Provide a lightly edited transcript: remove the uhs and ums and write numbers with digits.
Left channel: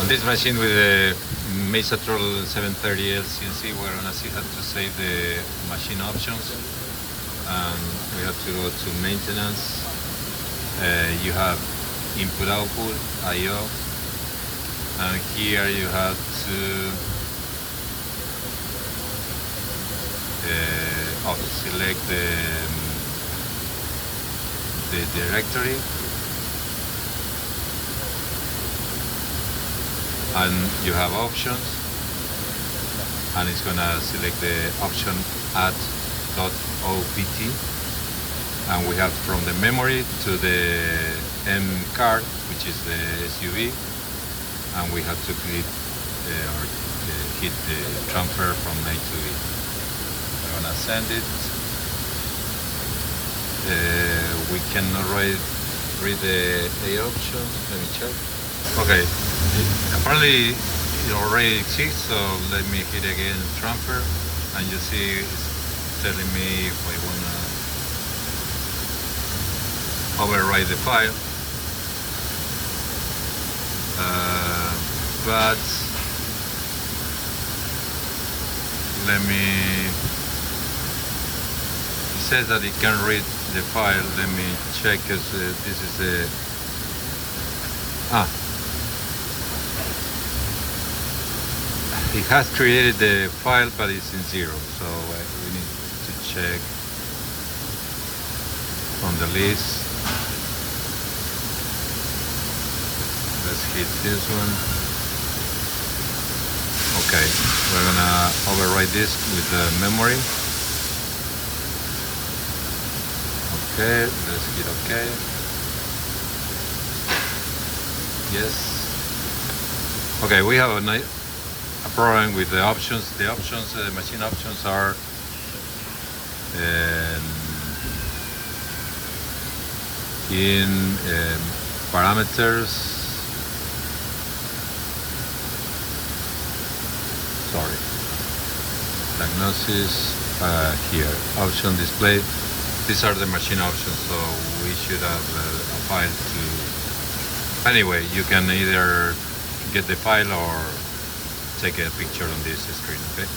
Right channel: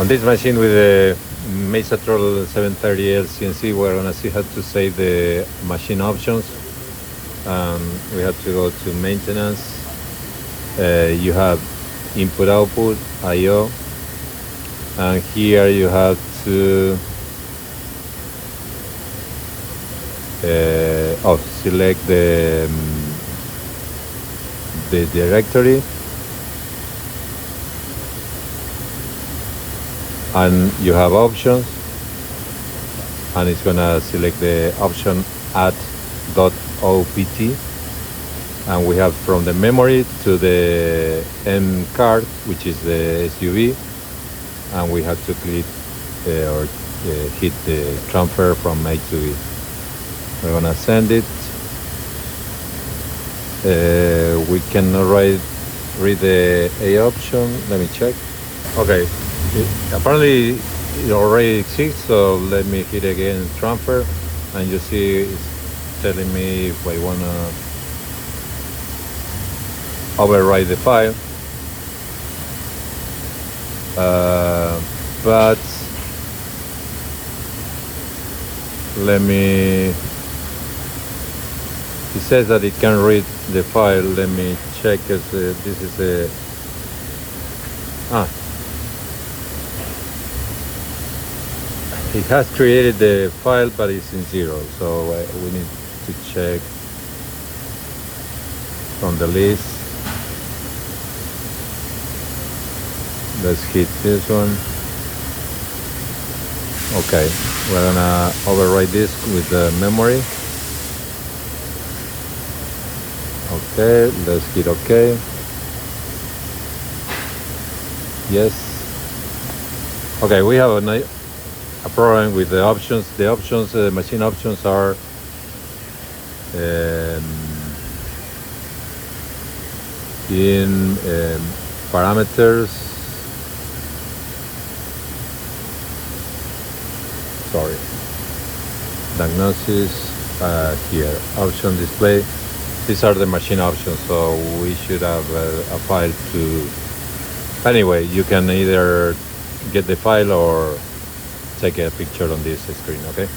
On this machine with the Mazatrol 730L CNC, we're gonna see how to save the machine options. We have to go to maintenance. You have input output IO, and here you have to select the directory, and you have options, and it's gonna select the option add.opt, and we have from the memory to the M card, which is the SUV, and we have to click or hit the transfer from A to B. We're gonna send it. We cannot read the A option. Let me check. Okay, apparently it already exists, so let me hit again transfer, and you see it's telling me if I wanna overwrite the file, but let me, it says that it can read the file. Let me check, because this is a it has created the file, but it's in zero, so we need to check from the list. Let's hit this one. Okay, we're gonna overwrite this with the memory. Okay, let's hit OK. Yes. Okay, we have a problem with the options. The options, machine options, are in parameters. Sorry, diagnosis, here, option display. These are the machine options, so we should have a file to, anyway, you can either get the file or take a picture on this screen, okay?